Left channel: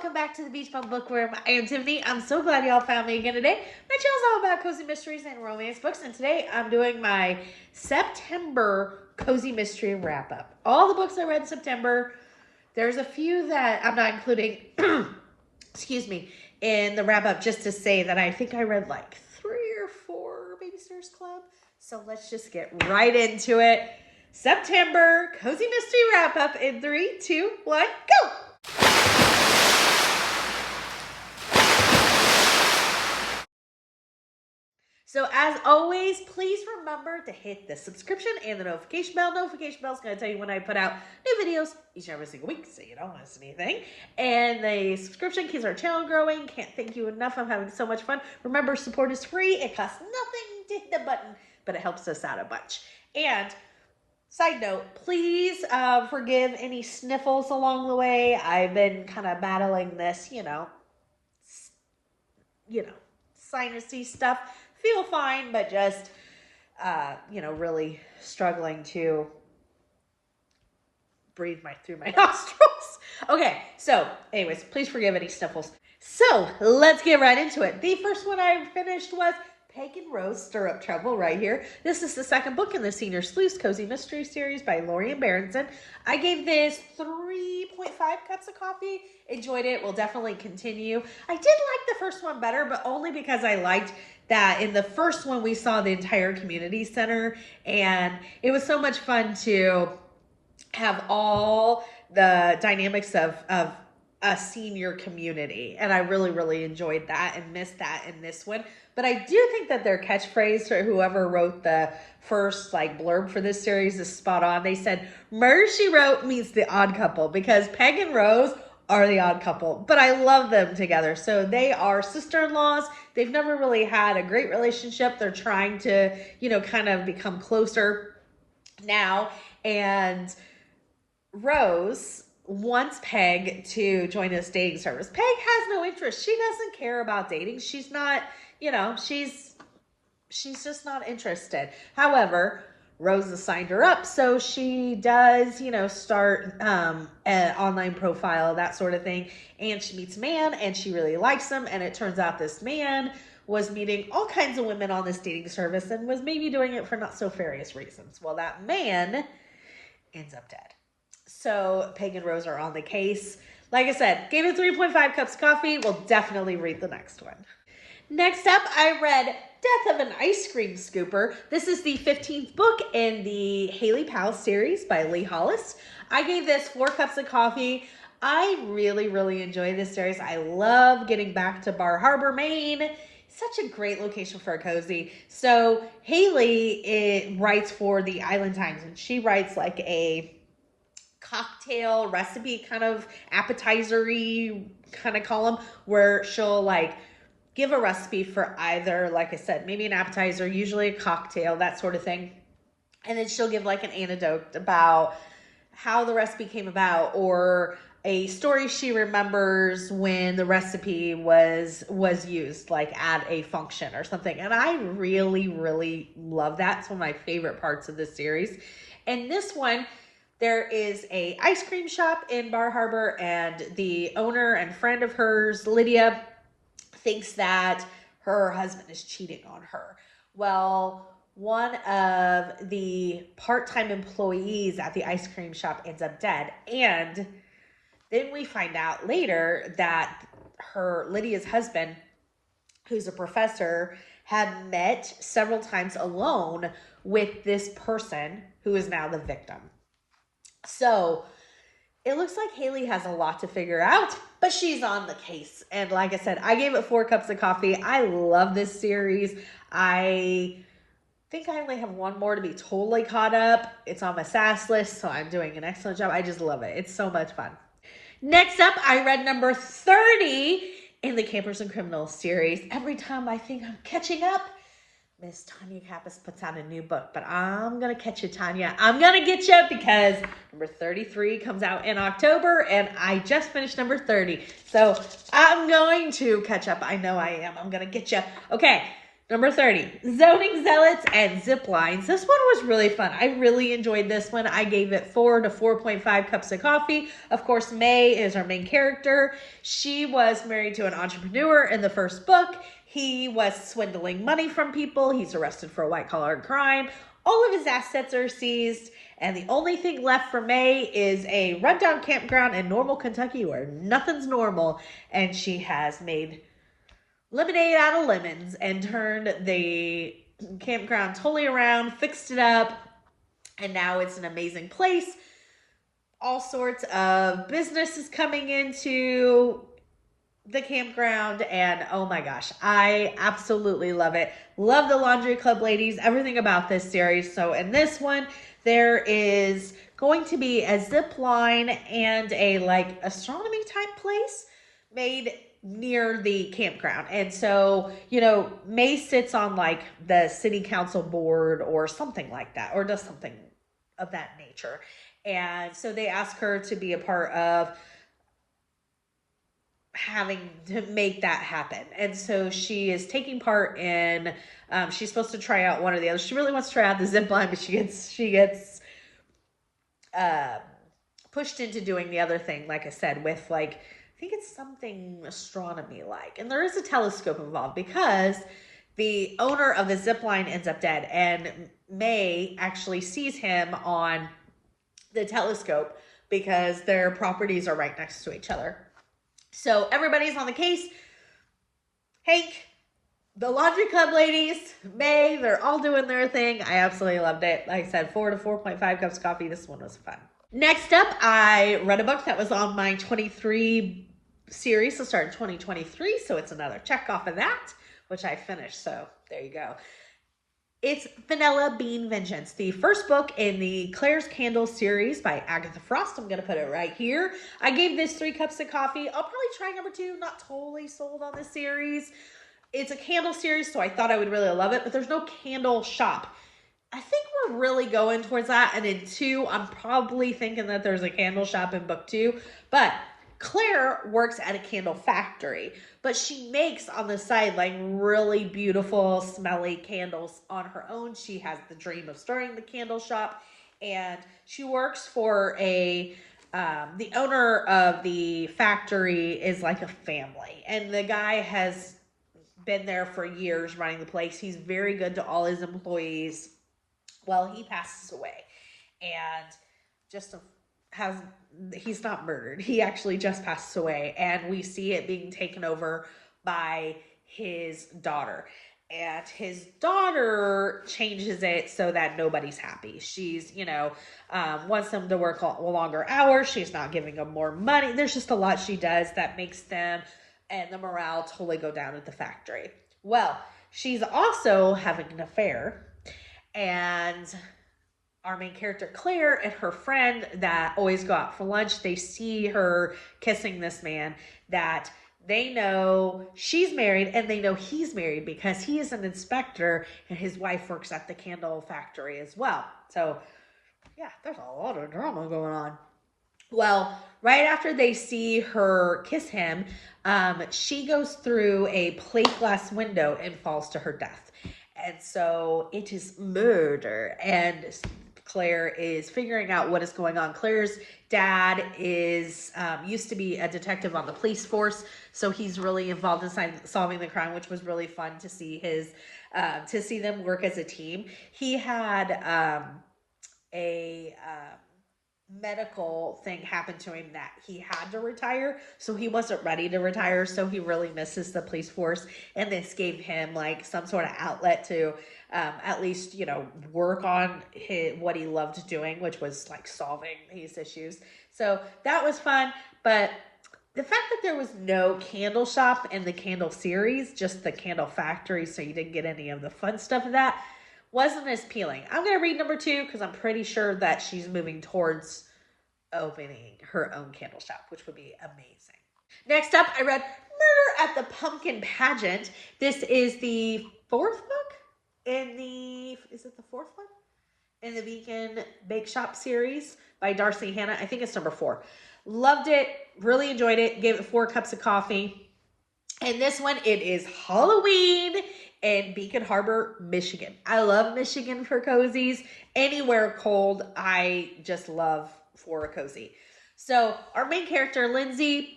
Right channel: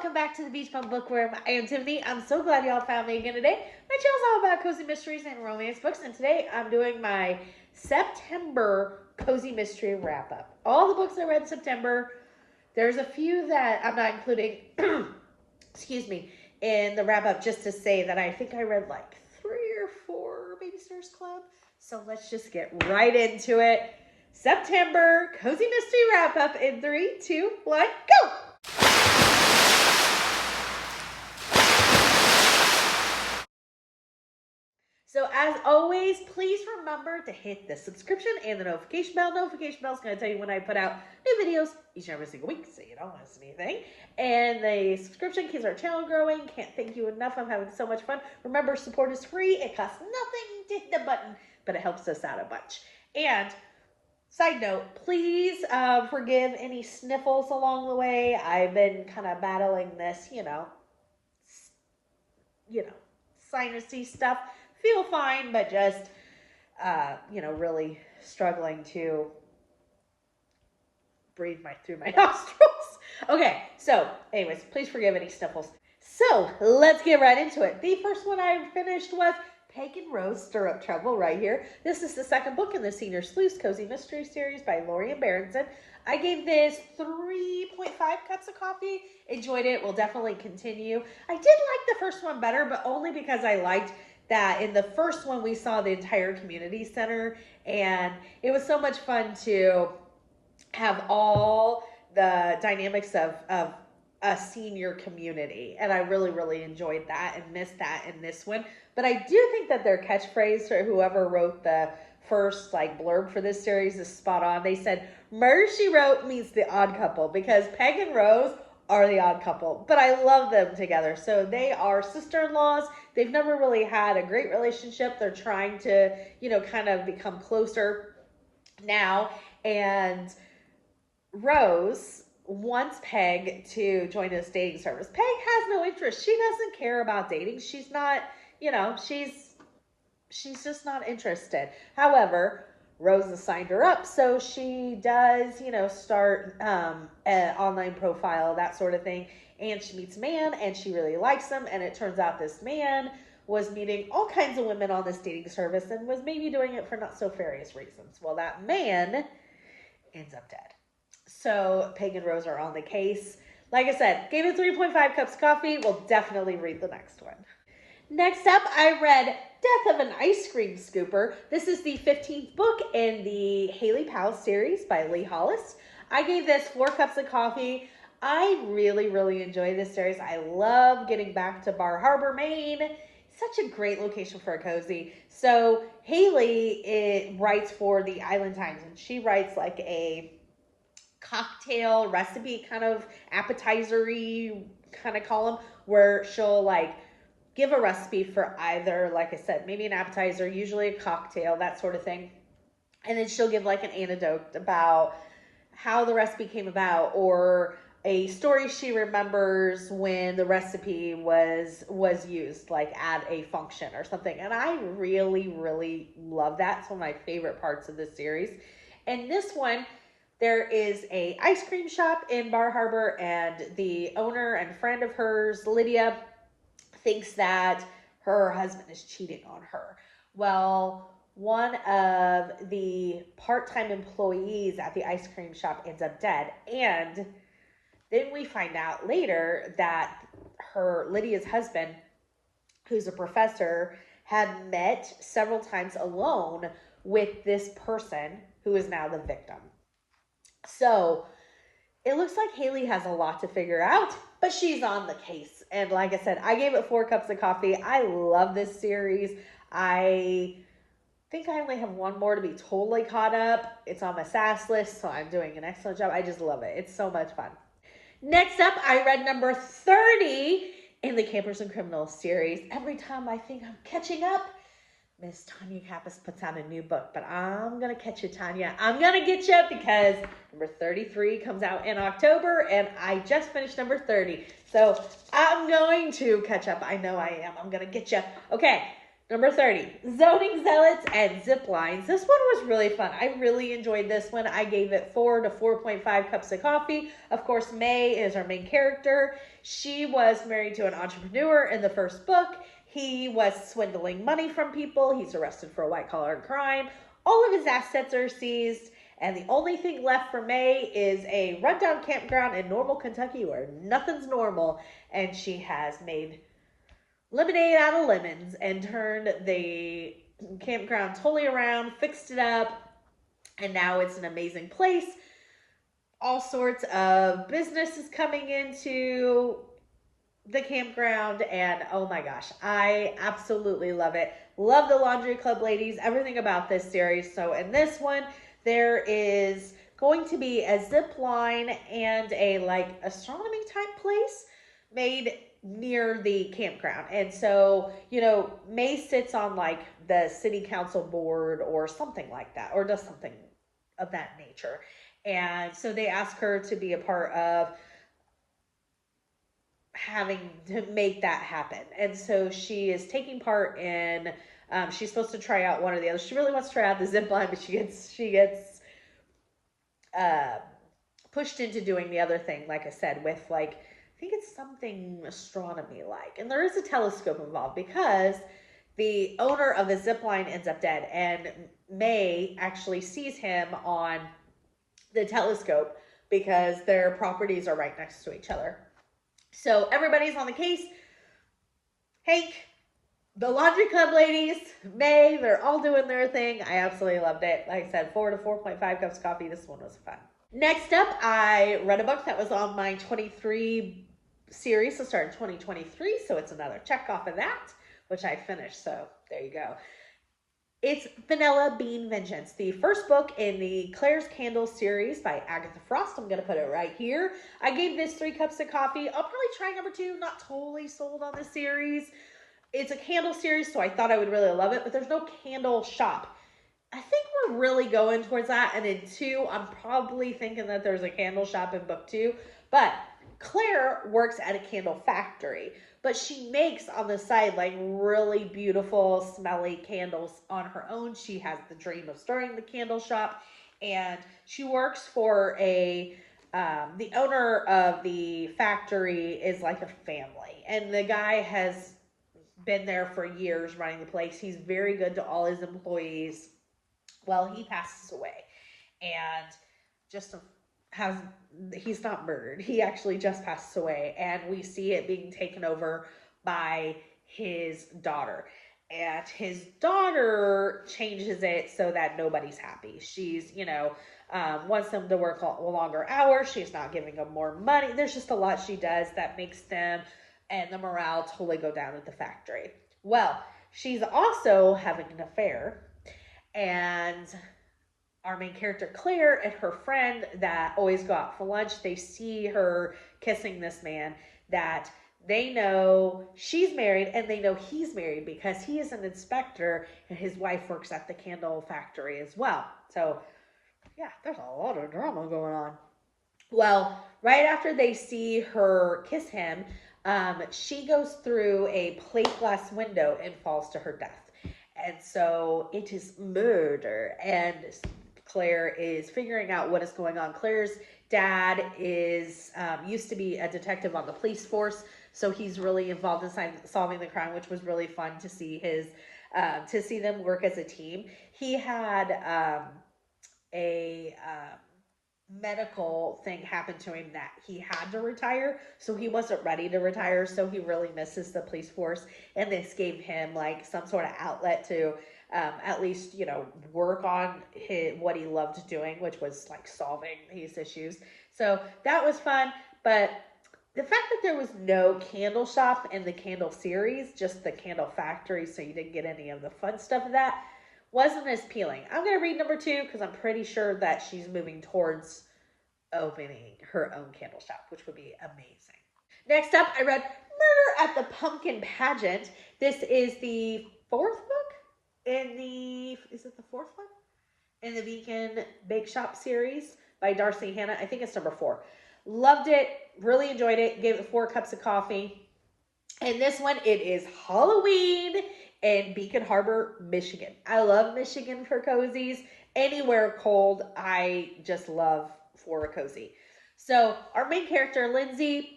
welcome back to the Beach Bum Bookworm. I am Tiffany. I'm so glad y'all found me again today. My channel's all about cozy mysteries and romance books, and today I'm doing my September cozy mystery wrap-up. All the books I read in September. There's a few that I'm not including, excuse me, in the wrap-up, just to say that I think I read like 3 or 4 Babysitters Club. So let's just get right into it. September cozy mystery wrap-up in 3, 2, 1, go! So as always, please remember to hit the subscription and the notification bell. Notification bell is going to tell you when I put out new videos each and every single week, so you don't miss anything. And the subscription keeps our channel growing. Can't thank you enough. I'm having so much fun. Remember, support is free. It costs nothing to hit the button, but it helps us out a bunch. And side note, please forgive any sniffles along the way. I've been kind of battling this, you know, sinusy stuff. Feel fine, but just, really struggling to breathe through my nostrils. Okay, so anyways, please forgive any sniffles. So let's get right into it. The first one I finished was Pageant Rose Stirrup Trouble right here. This is the second book in the Senior Sleuths Cozy Mystery Series by Lorian Berenson. I gave this 3.5 cups of coffee. Enjoyed it. Will definitely continue. I did like the first one better, but only because I liked that in the first one we saw the entire community center, and it was so much fun to have all the dynamics of a senior community, and I really enjoyed that and missed that in this one. But I do think that their catchphrase for whoever wrote the first blurb for this series is spot on. They said Murder, She Wrote meets the odd couple, because Peg and Rose are the odd couple, but I love them together. So they are sister-in-laws. They've never really had a great relationship. They're trying to, kind of become closer now. And Rose wants Peg to join this dating service. Peg has no interest. She doesn't care about dating. She's not, she's just not interested. However, Rose has signed her up, so she does, start an online profile, that sort of thing, and she meets a man, and she really likes him, and it turns out this man was meeting all kinds of women on this dating service and was maybe doing it for not so nefarious reasons. Well, that man ends up dead. So Peg and Rose are on the case. Like I said, gave it 3.5 cups of coffee. We'll definitely read the next one. Next up, I read Death of an Ice Cream Scooper. This is the 15th book in the Haley Powell series by Lee Hollis. I gave this 4 cups of coffee. I really enjoy this series. I love getting back to Bar Harbor, Maine. Such a great location for a cozy. So Haley writes for the Island Times, and she writes like a cocktail recipe kind of appetizer-y kind of column where she'll give a recipe for either, like I said, maybe an appetizer, usually a cocktail, that sort of thing. And then she'll give an anecdote about how the recipe came about, or a story she remembers when the recipe was used, at a function or something. And I really love that. It's one of my favorite parts of this series. And this one, there is a ice cream shop in Bar Harbor, and the owner and friend of hers, Lydia, thinks that her husband is cheating on her. Well, one of the part-time employees at the ice cream shop ends up dead. And then we find out later that Lydia's husband, who's a professor, had met several times alone with this person who is now the victim. So it looks like Haley has a lot to figure out, but she's on the case. And like I said, I gave it 4 cups of coffee. I love this series. I think I only have one more to be totally caught up. It's on my SAS list, so I'm doing an excellent job. I just love it. It's so much fun. Next up, I read number 30 in the Campers and Criminals series. Every time I think I'm catching up, Miss Tanya Kappas puts out a new book, but I'm going to catch you, Tanya. I'm going to get you, because number 33 comes out in October, and I just finished number 30. So I'm going to catch up. I know I am. I'm going to get you. Okay, Number 30, Zoning Zealots and Ziplines. This one was really fun. I really enjoyed this one. I gave it 4 to 4.5 cups of coffee. Of course, May is our main character. She was married to an entrepreneur in the first book. He was swindling money from people. He's arrested for a white-collar crime. All of his assets are seized, and the only thing left for May is a rundown campground in Normal, Kentucky, where nothing's normal, and she has made lemonade out of lemons and turned the campground totally around, fixed it up, and now it's an amazing place. All sorts of businesses coming into the campground, and oh my gosh, I absolutely love it. Love the Laundry Club ladies, everything about this series. So in this one, there is going to be a zip line and a like astronomy type place made near the campground. And so, you know, May sits on like the city council board or something like that, or does something of that nature. And so they ask her to be a part of having to make that happen. And so she is taking part in, she's supposed to try out one or the other. She really wants to try out the zip line, but she gets pushed into doing the other thing, like I said, with like, I think it's something astronomy-like. And there is a telescope involved because the owner of the zip line ends up dead, and May actually sees him on the telescope because their properties are right next to each other. So everybody's on the case. Hank, the Laundry Club ladies, May, they're all doing their thing. I absolutely loved it. Like I said, 4 to 4.5 cups of coffee. This one was fun. Next up, I read a book that was on my 23 series to start in 2023. So it's another check off of that, which I finished. So there you go. It's Vanilla Bean Vengeance, the first book in the Claire's Candle series by Agatha Frost. I'm going to put it right here. I gave this 3 cups of coffee. I'll probably try number 2. Not totally sold on this series. It's a candle series, so I thought I would really love it, but there's no candle shop. I think we're really going towards that, and in 2, I'm probably thinking that there's a candle shop in book 2, but Claire works at a candle factory, but she makes on the side like really beautiful, smelly candles on her own. She has the dream of starting the candle shop, and she works for the owner of the factory is like a family, and the guy has been there for years running the place. He's very good to all his employees. Well, he passes away, and he's not murdered. He actually just passes away, and we see it being taken over by his daughter. And his daughter changes it so that nobody's happy. She's, wants them to work longer hours. She's not giving them more money. There's just a lot she does that makes them and the morale totally go down at the factory. Well, she's also having an affair, and our main character, Claire, and her friend that always go out for lunch, they see her kissing this man that they know she's married, and they know he's married because he is an inspector and his wife works at the candle factory as well. So, yeah, there's a lot of drama going on. Well, right after they see her kiss him, she goes through a plate glass window and falls to her death. And so it is murder, and Claire is figuring out what is going on. Claire's dad is used to be a detective on the police force, so he's really involved in solving the crime, which was really fun to see to see them work as a team. He had a medical thing happen to him that he had to retire, so he wasn't ready to retire, so he really misses the police force, and this gave him like some sort of outlet to at least work on what he loved doing, which was like solving these issues. So that was fun. But the fact that there was no candle shop in the candle series, just the candle factory, so you didn't get any of the fun stuff of that, wasn't as appealing. I'm going to read number 2 because I'm pretty sure that she's moving towards opening her own candle shop, which would be amazing. Next up, I read Murder at the Pumpkin Pageant. This is the 4th book is it the 4th one? In the Vegan Bake Shop series by Darcy Hannah. I think it's number 4. Loved it, really enjoyed it, gave it 4 cups of coffee. And this one, it is Halloween in Beacon Harbor, Michigan. I love Michigan for cozies. Anywhere cold, I just love for a cozy. So our main character, Lindsay,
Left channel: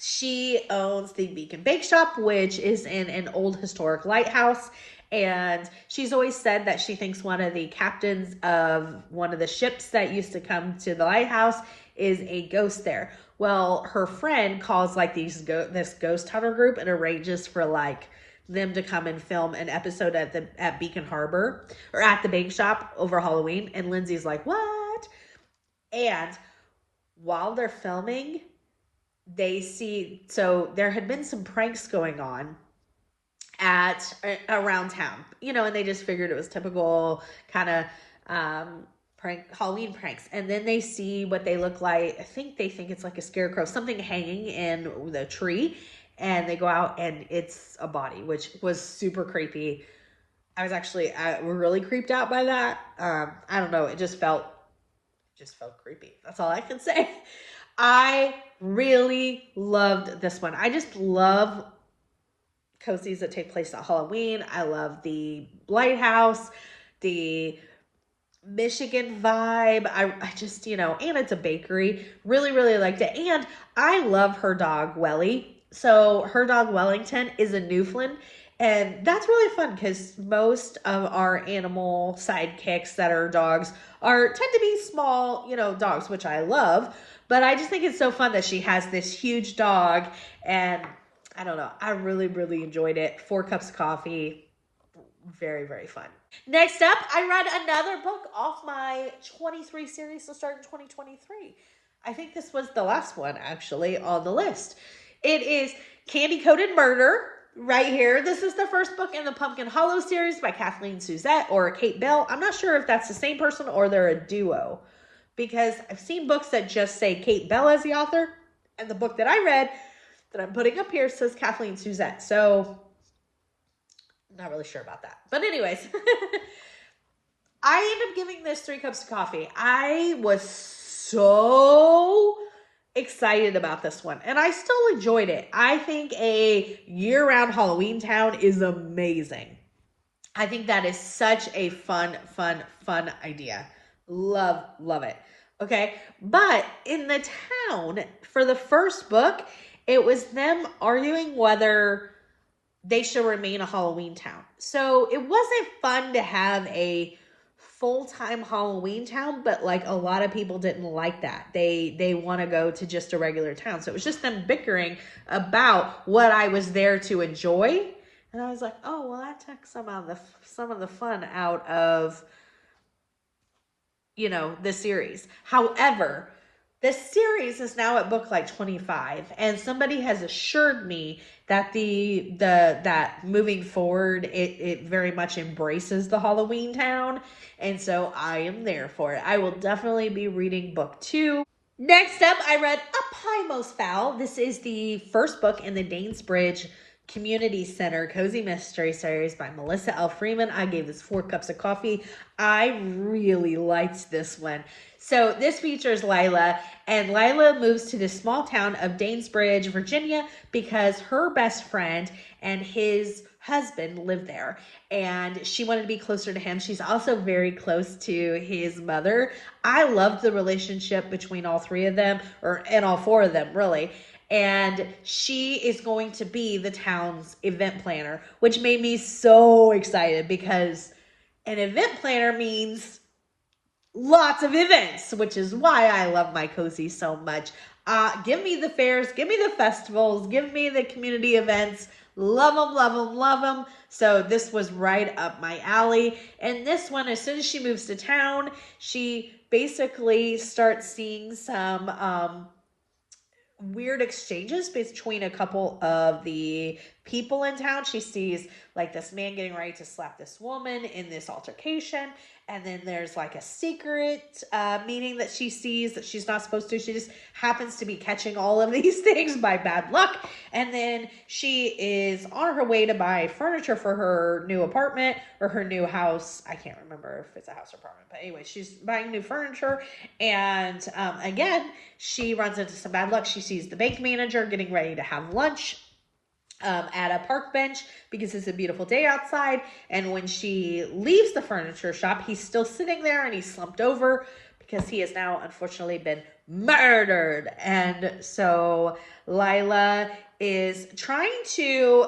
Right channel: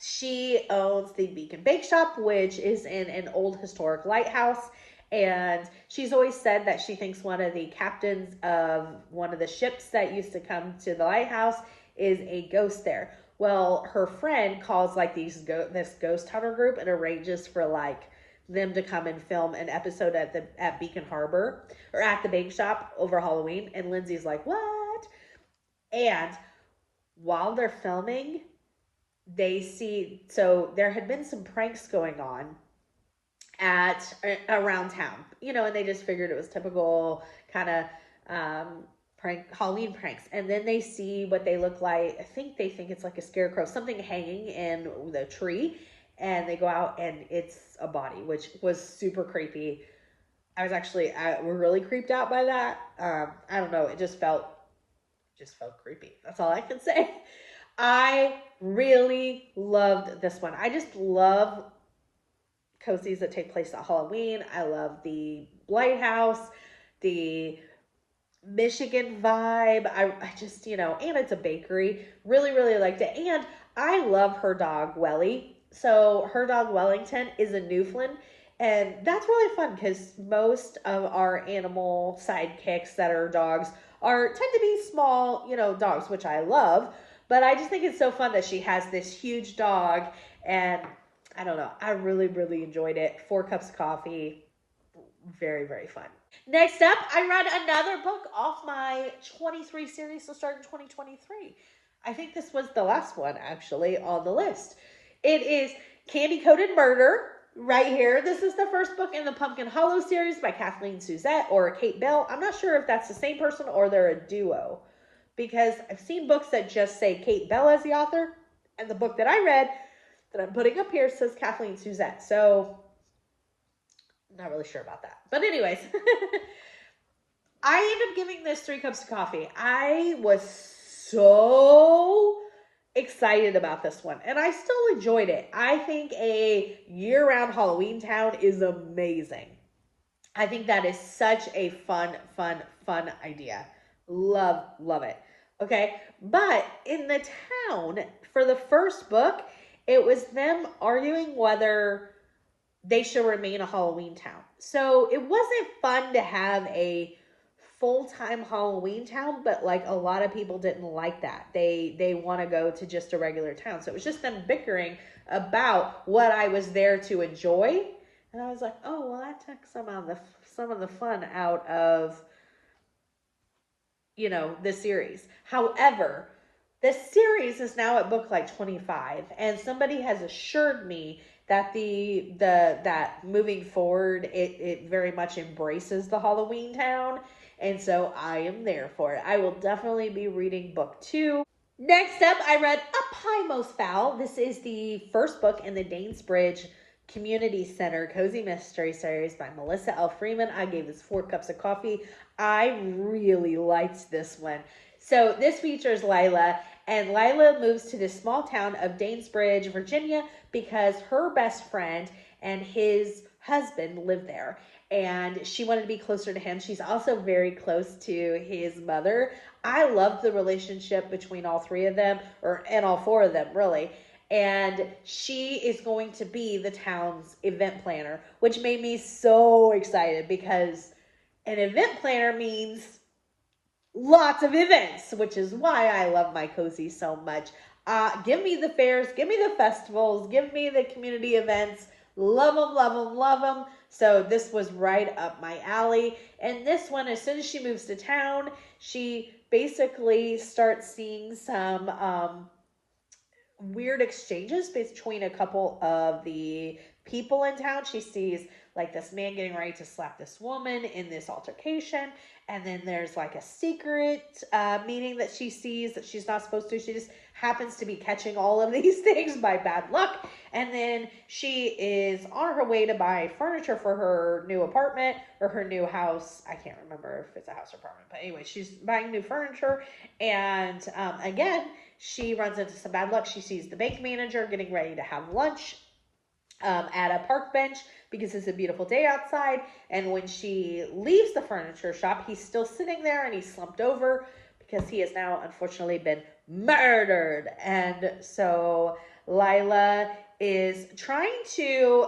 she owns the Beacon Bake Shop, which is in an old historic lighthouse. And she's always said that she thinks one of the captains of one of the ships that used to come to the lighthouse is a ghost there. Well, her friend calls like this ghost hunter group and arranges for like them to come and film an episode at Beacon Harbor or at the bake shop over Halloween. And Lindsay's like, "What?" And while they're filming, they see, so there had been some pranks going on at around town, and they just figured it was typical kind of prank Halloween pranks. And then they see what they look like. I think they think it's like a scarecrow, something hanging in the tree, and they go out and it's a body, which was super creepy. I was actually we're really creeped out by that. I don't know, it just felt creepy. That's all I can say. I really loved this one. I just love cozies that take place at Halloween. I love the lighthouse, the Michigan vibe. I just, and it's a bakery. Really, really liked it. And I love her dog, Welly. So her dog, Wellington, is a Newfoundland. And that's really fun because most of our animal sidekicks that are dogs tend to be small, dogs, which I love. But I just think it's so fun that she has this huge dog. And I don't know, I really, really enjoyed it. 4 cups of coffee. Very, very fun. Next up, I read another book off my 23 series to start in 2023. I think this was the last one, actually, on the list. It is Candy Coated Murder, right here. This is the first book in the Pumpkin Hollow series by Kathleen Suzette or Kate Bell. I'm not sure if that's the same person or they're a duo, because I've seen books that just say Kate Bell as the author, and the book that I read that I'm putting up here says Kathleen Suzette. So I'm not really sure about that. But anyways, I ended up giving this 3 cups of coffee. I was so excited about this one, and I still enjoyed it. I think a year-round Halloween town is amazing. I think that is such a fun idea. Love it. Okay, but in the town, for the first book, it was them arguing whether they should remain a Halloween town. So it wasn't fun to have a full-time Halloween town, but like a lot of people didn't like that. They want to go to just a regular town. So it was just them bickering about what I was there to enjoy. And I was like, oh, well, that took some of the fun out of, the series. However, the series is now at book like 25, and somebody has assured me that that moving forward, it very much embraces the Halloween town, and so I am there for it. I will definitely be reading book 2. Next up, I read AOS Foul. This is the first book in the Danesbridge Community Center Cozy Mystery Series by Melissa L. Freeman. I gave this 4 cups of coffee. I really liked this one. So this features Lila, and Lila moves to the small town of Danesbridge, Virginia, because her best friend and his husband live there, and she wanted to be closer to him. She's also very close to his mother. I loved the relationship between all 3 of them, and all 4 of them, really. And she is going to be the town's event planner, which made me so excited because an event planner means lots of events, which is why I love my cozy so much. Give me the fairs, give me the festivals, give me the community events. Love them, love them, love them. So this was right up my alley. And this one, as soon as she moves to town, she basically starts seeing some weird exchanges between a couple of the people in town. She sees like this man getting ready to slap this woman in this altercation, and then there's like a secret meeting that she sees that she's not supposed to. She just happens to be catching all of these things by bad luck, and then she is on her way to buy furniture for her new apartment or her new house. I can't remember if it's a house or apartment, but anyway, she's buying new furniture, and again, she runs into some bad luck. She sees the bank manager getting ready to have lunch at a park bench because it's a beautiful day outside. And when she leaves the furniture shop, he's still sitting there and he's slumped over because he has now unfortunately been murdered. And so Lila is trying to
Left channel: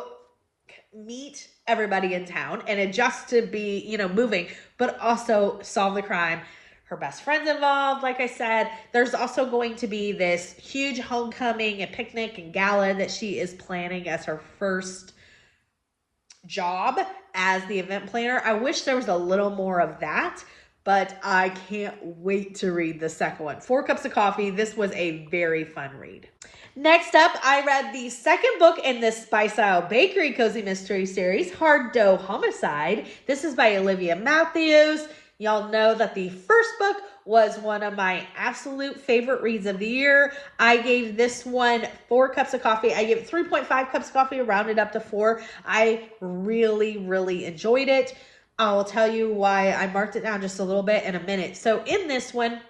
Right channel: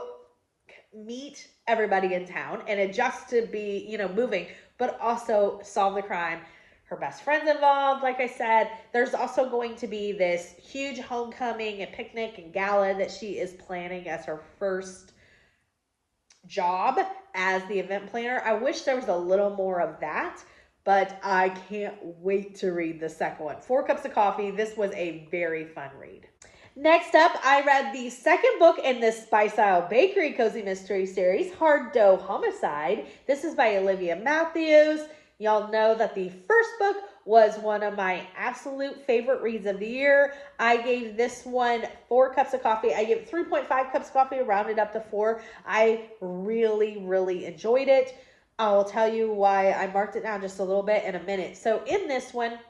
meet everybody in town and adjust to be, you know, moving, but also solve the crime. Her best friend's involved, like I said. There's also going to be this huge homecoming and picnic and gala that she is planning as her first job as the event planner. I wish there was a little more of that, but I can't wait to read the second one. 4 Cups of Coffee. This was a very fun read. Next up, I read the second book in this Spice Isle Bakery Cozy Mystery series, Hard Dough Homicide. This is by Olivia Matthews. Y'all know that the first book was one of my absolute favorite reads of the year. I gave this one 4 cups of coffee. I gave it 3.5 cups of coffee, rounded up to 4. I really, really enjoyed it. I'll tell you why I marked it down just a little bit in a minute. So in this one,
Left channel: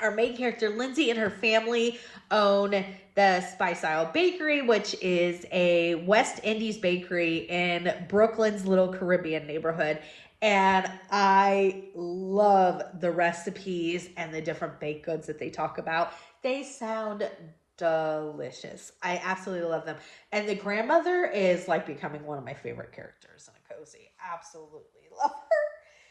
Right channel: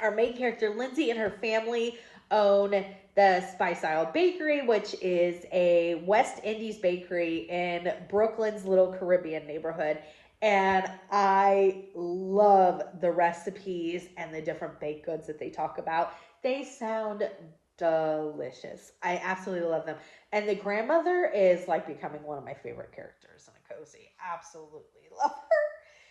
our main character, Lindsay, and her family own the Spice Isle Bakery, which is a West Indies bakery in Brooklyn's little Caribbean neighborhood. And I love the recipes and the different baked goods that they talk about. They sound delicious. I absolutely love them. And the grandmother is like becoming one of my favorite characters in a cozy. Absolutely love her.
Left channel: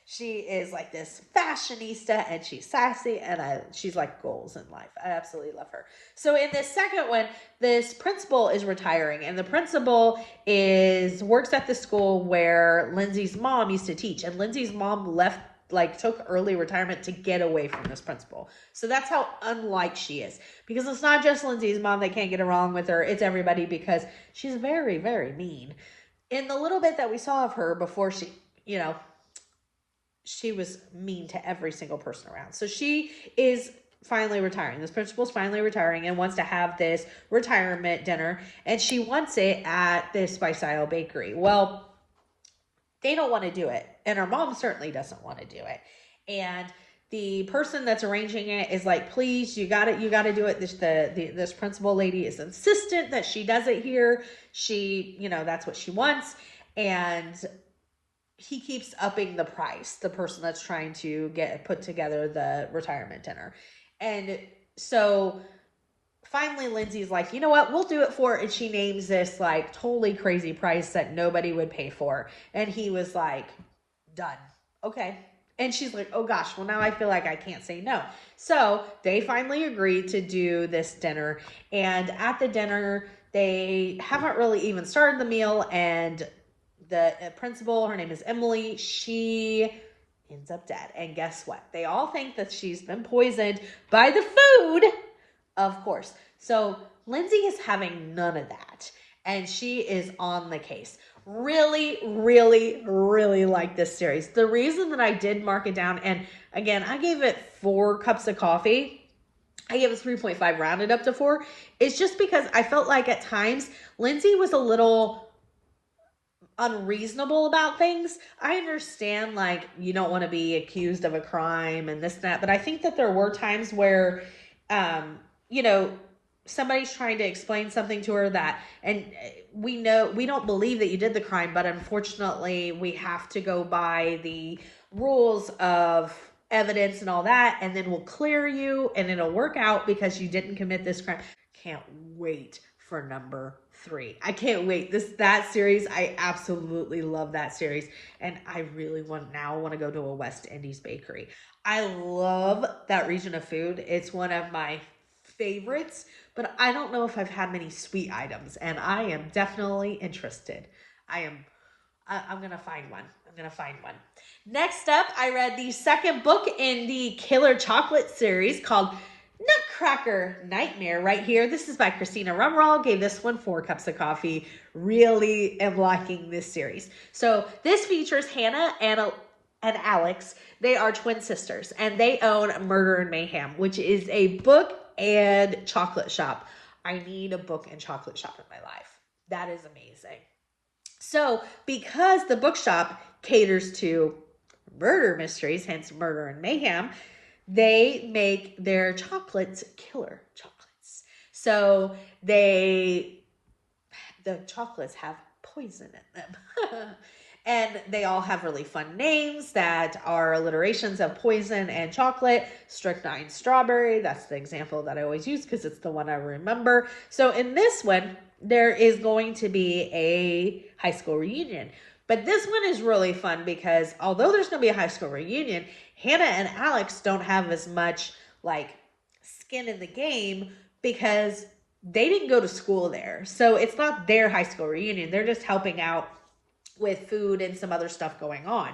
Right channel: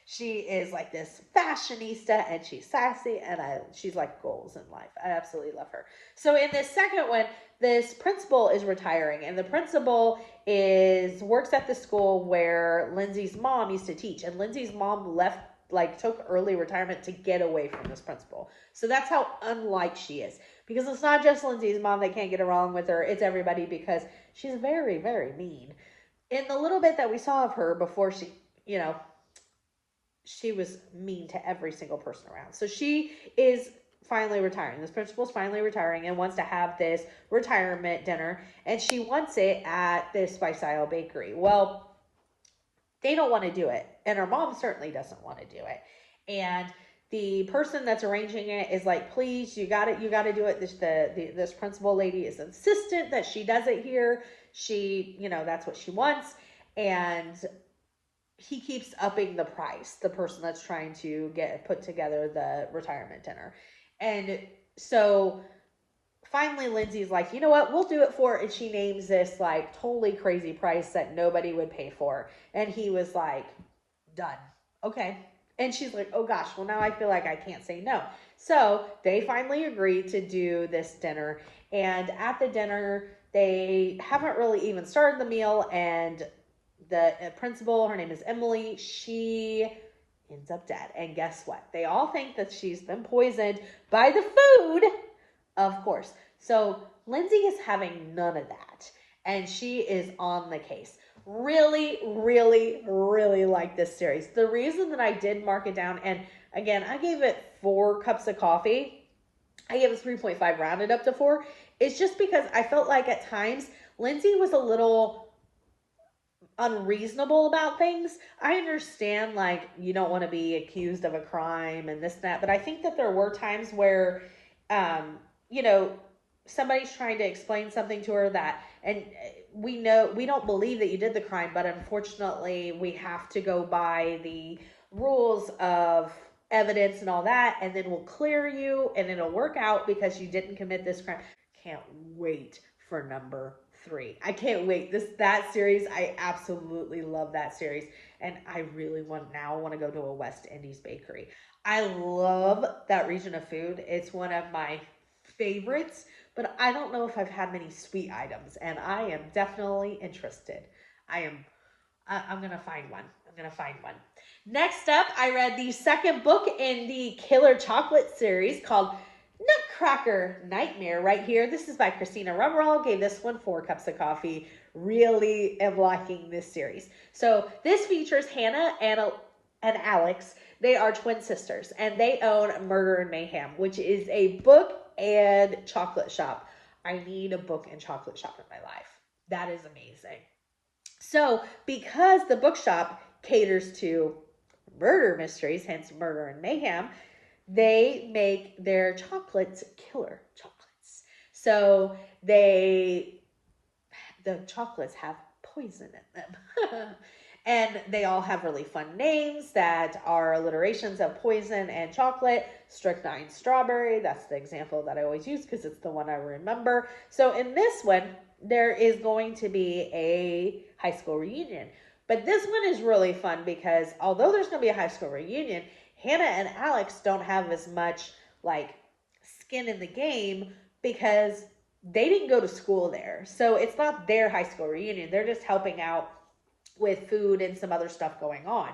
She is like this fashionista and she's sassy and she's like goals in life. I absolutely love her. So in this second one, this principal is retiring and the principal works at the school where Lindsay's mom used to teach, and Lindsay's mom took early retirement to get away from this principal. So that's how unlike she is, because it's not just Lindsay's mom that can't get along with her. It's everybody, because she's very, very mean. In the little bit that we saw of her before she was mean to every single person around. So she is finally retiring. This principal's finally retiring and wants to have this retirement dinner, and she wants it at this Spice Isle Bakery. Well, they don't want to do it, and her mom certainly doesn't want to do it. And the person that's arranging it is like, please, you got to do it. This principal lady is insistent that she does it here. She, that's what she wants. And he keeps upping the price, the person that's trying to put together the retirement dinner. And so finally Lindsay's like, you know what, we'll do it for, and she names this like totally crazy price that nobody would pay for. And he was like, done. Okay. And she's like, oh gosh, well now I feel like I can't say no. So they finally agreed to do this dinner. And at the dinner, they haven't really even started the meal, and the principal, her name is Emily, she ends up dead. And guess what? They all think that she's been poisoned by the food, of course. So Lindsay is having none of that, and she is on the case. Really, really, really like this series. The reason that I did mark it down, and again, I gave it 4 cups of coffee. I gave it 3.5 rounded up to 4. It's just because I felt like at times Lindsay was a little unreasonable about things. I understand, like, you don't want to be accused of a crime and this and that, but I think that there were times where somebody's trying to explain something to her and we don't believe that you did the crime, but unfortunately we have to go by the rules of evidence and all that, and then we'll clear you and it'll work out because you didn't commit this crime. Can't wait for number 3. I can't wait. That series, I absolutely love that series, and I really want to go to a West Indies bakery. I love that region of food. It's one of my favorites, but I don't know if I've had many sweet items, and I am definitely interested. I'm gonna find one. Next up, I read the second book in the Killer Chocolate series called Nutcracker Nightmare right here. This is by Christina Rumroll. Gave this one 4 cups of coffee. Really am liking this series. So this features Hannah and Alex. They are twin sisters, and they own Murder and Mayhem, which is a book and chocolate shop. I need a book and chocolate shop in my life. That is amazing. So because the bookshop caters to murder mysteries, hence Murder and Mayhem, they make their chocolates killer chocolates. So they the chocolates have poison in them. And they all have really fun names that are alliterations of poison and chocolate. Strychnine strawberry, that's the example that I always use because it's the one I remember. So in this one, there is going to be a high school reunion. But this one is really fun because although there's going to be a high school reunion, Hannah and Alex don't have as much like skin in the game because they didn't go to school there. So it's not their high school reunion. They're just helping out with food and some other stuff going on.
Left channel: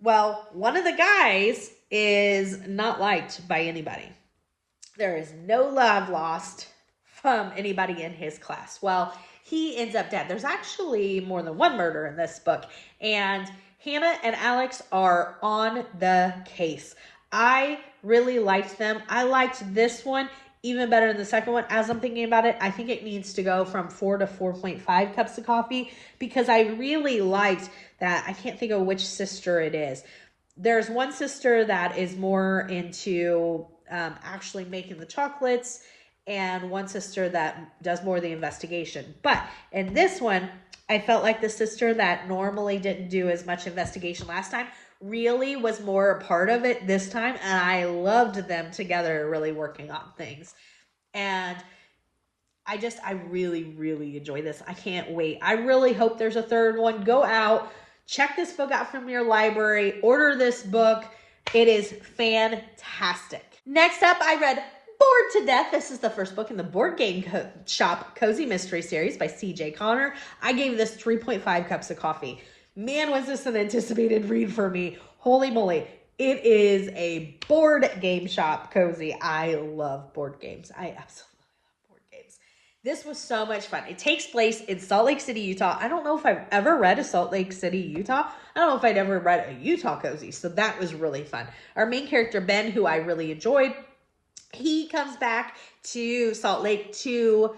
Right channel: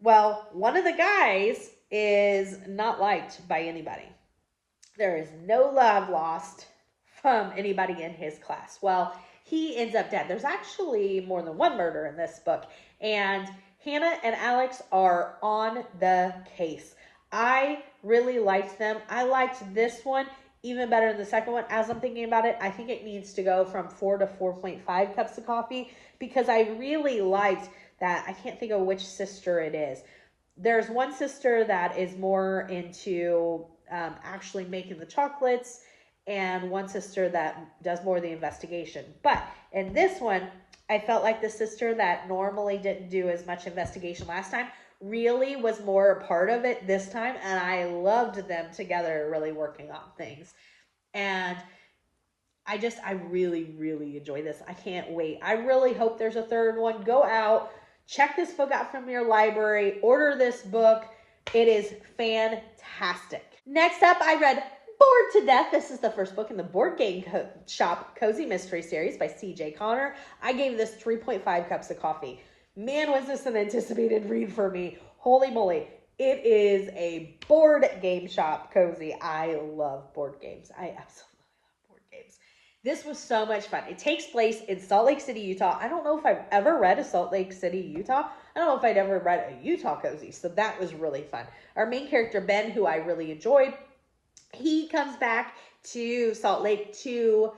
Well, one of the guys is not liked by anybody. There is no love lost from anybody in his class. Well, he ends up dead. There's actually more than one murder in this book, and Hannah and Alex are on the case. I really liked them. I liked this one even better than the second one. As I'm thinking about it, I think it needs to go from 4 to 4.5 cups of coffee because I really liked that. I can't think of which sister it is. There's one sister that is more into actually making the chocolates, and one sister that does more of the investigation. But in this one, I felt like the sister that normally didn't do as much investigation last time really was more a part of it this time, and I loved them together really working on things. And I really enjoy this. I can't wait. I really hope there's a third one. Go out, check this book out from your library, order this book. It is fantastic. Next up, I read Bored to Death. This is the first book in the Board Game Shop Cozy Mystery Series by C.J. Connor. I gave this 3.5 cups of coffee. Man, was this an anticipated read for me. Holy moly. It is a board game shop cozy. I love board games. I absolutely love board games. This was so much fun. It takes place in Salt Lake City, Utah. I don't know if I've ever read a Salt Lake City, Utah. I don't know if I'd ever read a Utah cozy. So that was really fun. Our main character, Ben, who I really enjoyed, he comes back to Salt Lake to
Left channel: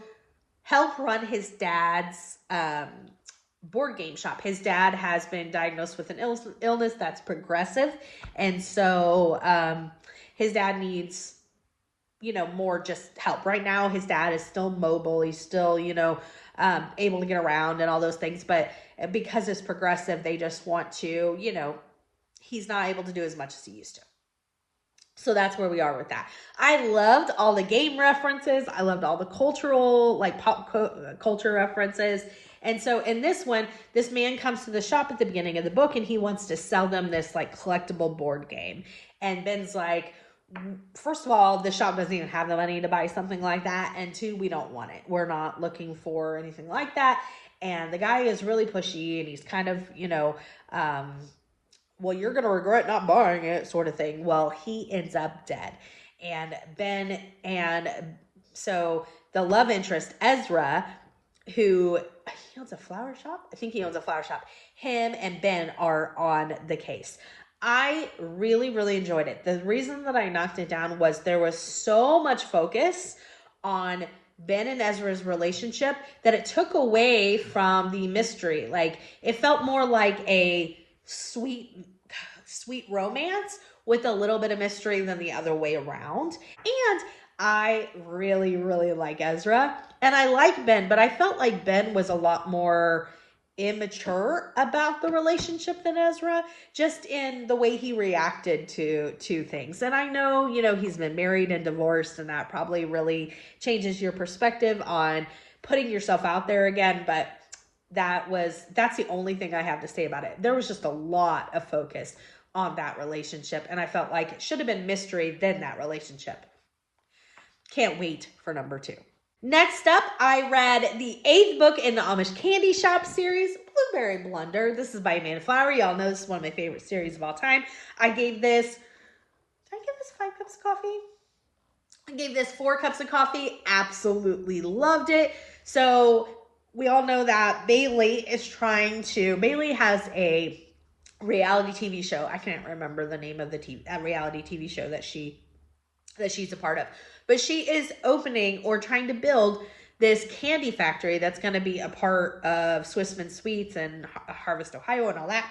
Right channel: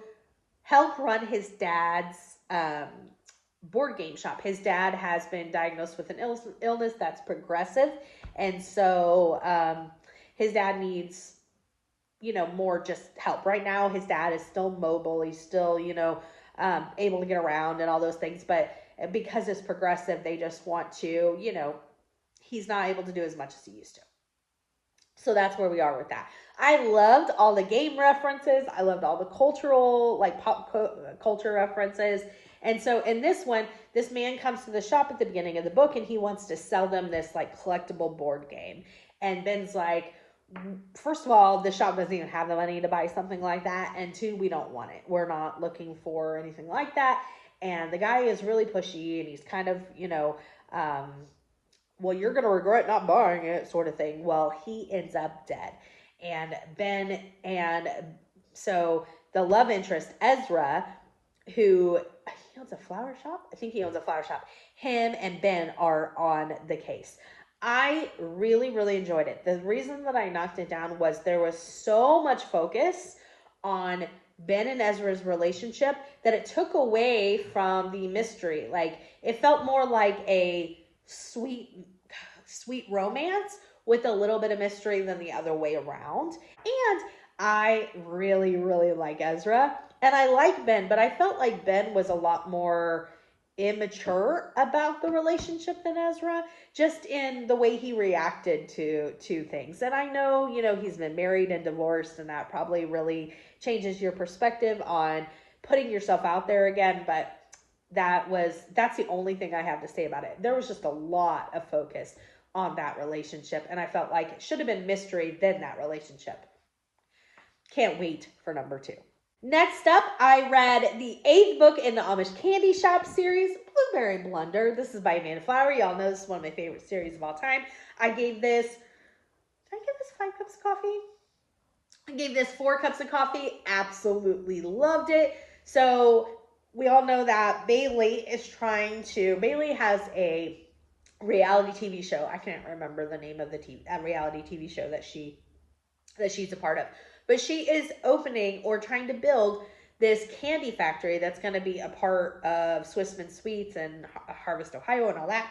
help run his dad's board game shop. His dad has been diagnosed with an illness that's progressive. And so his dad needs, more just help. Right now, his dad is still mobile. He's still, able to get around and all those things. But because it's progressive, they just want to, he's not able to do as much as he used to. So that's where we are with that. I loved all the game references. I loved all the cultural, like pop culture references. And so in this one, this man comes to the shop at the beginning of the book and he wants to sell them this like collectible board game. And Ben's like, first of all, the shop doesn't even have the money to buy something like that. And two, we don't want it. We're not looking for anything like that. And the guy is really pushy and he's kind of, well, you're going to regret not buying it sort of thing. Well, he ends up dead. So the love interest, Ezra, who he owns a flower shop. I think he owns a flower shop. Him and Ben are on the case. I really enjoyed it. The reason that I knocked it down was there was so much focus on Ben and Ezra's relationship that it took away from the mystery. Like, it felt more like a sweet romance with a little bit of mystery than the other way around. And I really like Ezra. And I like Ben, but I felt like Ben was a lot more immature about the relationship than Ezra, just in the way he reacted to things. And I know, he's been married and divorced, and that probably really changes your perspective on putting yourself out there again, but that's the only thing I have to say about it. There was just a lot of focus on that relationship, and I felt like it should have been mystery than that relationship. Can't wait for number 2. Next up, I read the 8th book in the Amish Candy Shop series, Blueberry Blunder. This is by Amanda Flower. Y'all know this is one of my favorite series of all time. I gave this 5 cups of coffee? I gave this 4 cups of coffee. Absolutely loved it. So we all know that Bailey has a reality TV show. I can't remember the name of the reality TV show that she's a part of. But she is opening or trying to build this candy factory that's going to be a part of Swissman Sweets and Harvest Ohio and all that.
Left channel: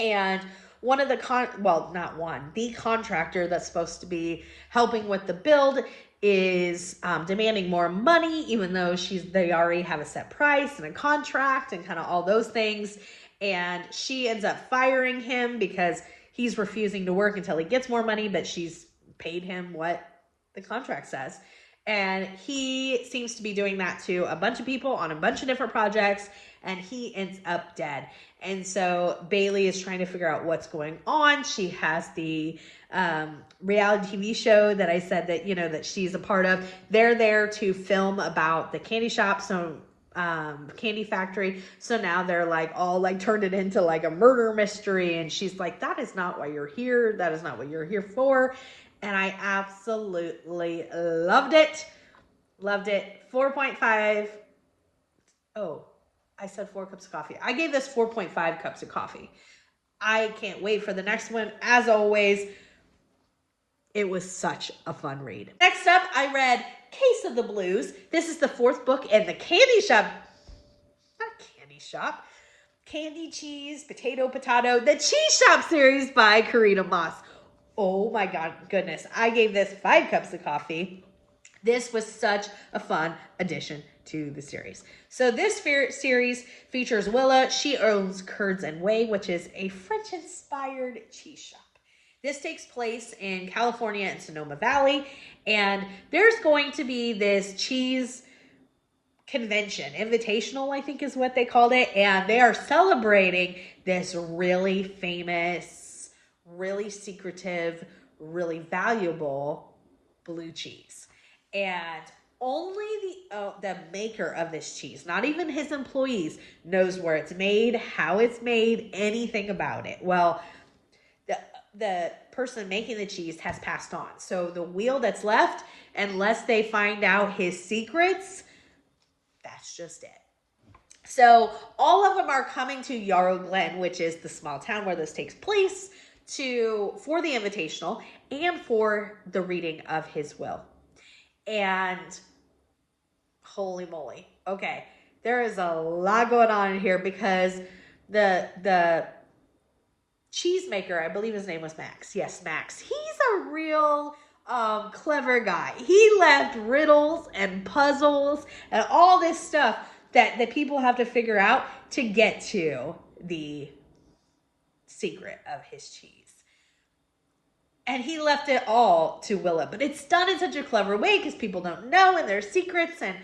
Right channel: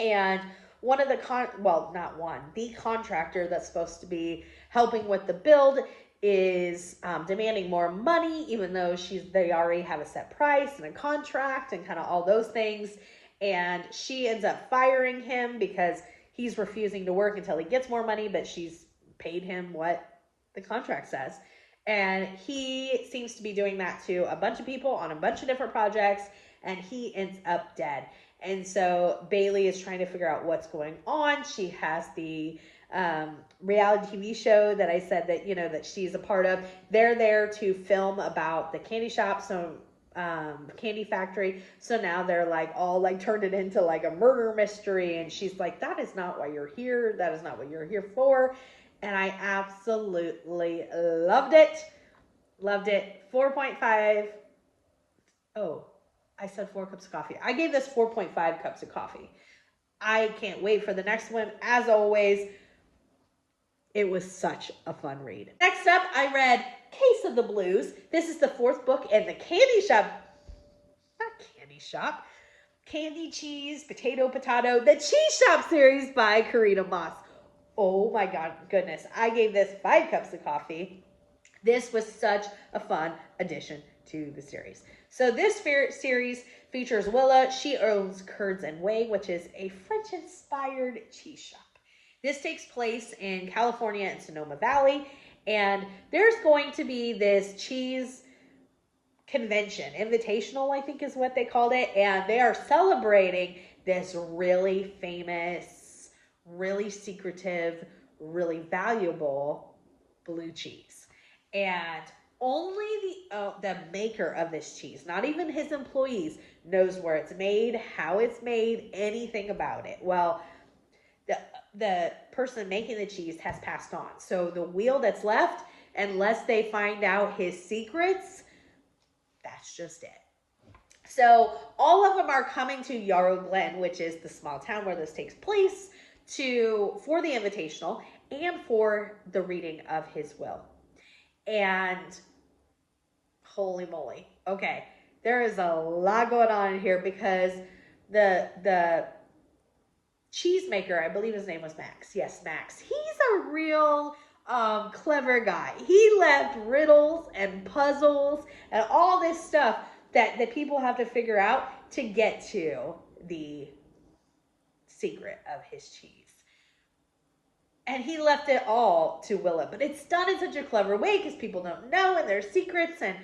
And the contractor that's supposed to be helping with the build is demanding more money, even though they already have a set price and a contract and kind of all those things. And she ends up firing him because he's refusing to work until he gets more money, but she's paid him what the contract says. And he seems to be doing that to a bunch of people on a bunch of different projects, and he ends up dead. And so Bailey is trying to figure out what's going on. She has the reality TV show that I said that, that she's a part of. They're there to film about the candy shop, candy factory. So now they're like all like turned it into like a murder mystery. And she's like, that is not why you're here. That is not what you're here for. And I absolutely loved it. Loved it. 4.5. Oh, I said 4 cups of coffee. I gave this 4.5 cups of coffee. I can't wait for the next one. As always, it was such a fun read. Next up, I read Case of the Blues. This is the 4th book in the Candy Shop. Not Candy Shop. Candy, Cheese, Potato, the Cheese Shop series by Karina Moss. Oh my goodness. I gave this 5 cups of coffee. This was such a fun addition to the series. So this series features Willa. She owns Curds and Whey, which is a French-inspired cheese shop. This takes place in California and Sonoma Valley, and there's going to be this cheese convention, invitational, I think is what they called it, and they are celebrating this really famous, really secretive, really valuable blue cheese. And only the maker of this cheese, not even his employees, knows where it's made, how it's made, anything about it. Well, the person making the cheese has passed on. So the wheel that's left, unless they find out his secrets, that's just it. So all of them are coming to Yarrow Glen, which is the small town where this takes place, for the invitational and for the reading of his will. And holy moly. Okay, there is a lot going on in here because the cheesemaker, I believe his name was Max. Yes, Max. He's a real clever guy. He left riddles and puzzles and all this stuff that people have to figure out to get to the secret of his cheese. And he left it all to Willa. But it's done in such a clever way because people don't know and there's secrets. And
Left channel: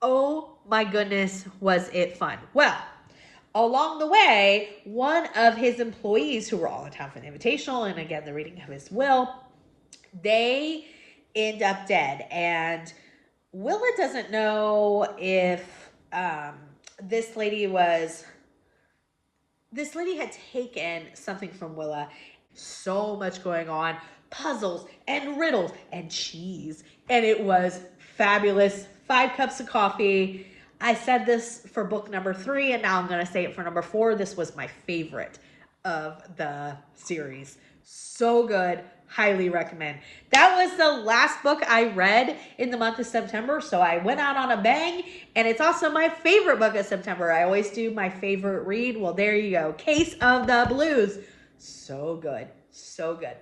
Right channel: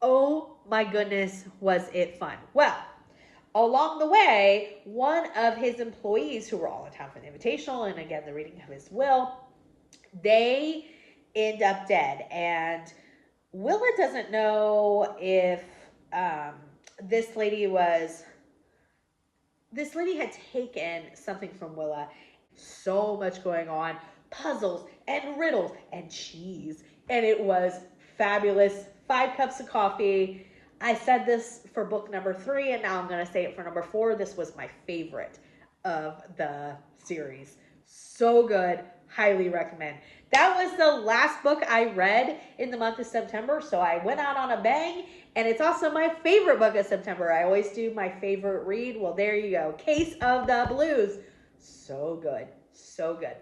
oh my goodness, was it fun. Well, along the way, one of his employees who were all in town for the invitational and again, the reading of his will, they end up dead. And Willa doesn't know if this lady had taken something from Willa. So much going on, puzzles and riddles and cheese. And it was fabulous. 5 cups of coffee. I said this for book number 3, and now I'm going to say it for number 4. This was my favorite of the series. So good. Highly recommend. That was the last book I read in the month of September, so I went out on a bang, and it's also my favorite book of September. I always do my favorite read. Well, there you go. Case of the Blues. So good. So good.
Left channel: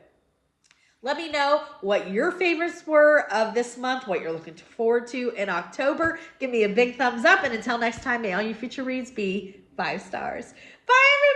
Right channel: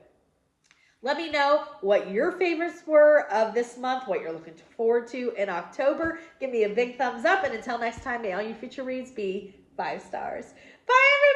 Let me know what your favorites were of this month, what you're looking forward to in October. Give me a big thumbs up, and until next time, may all your future reads be 5 stars. Bye, everybody.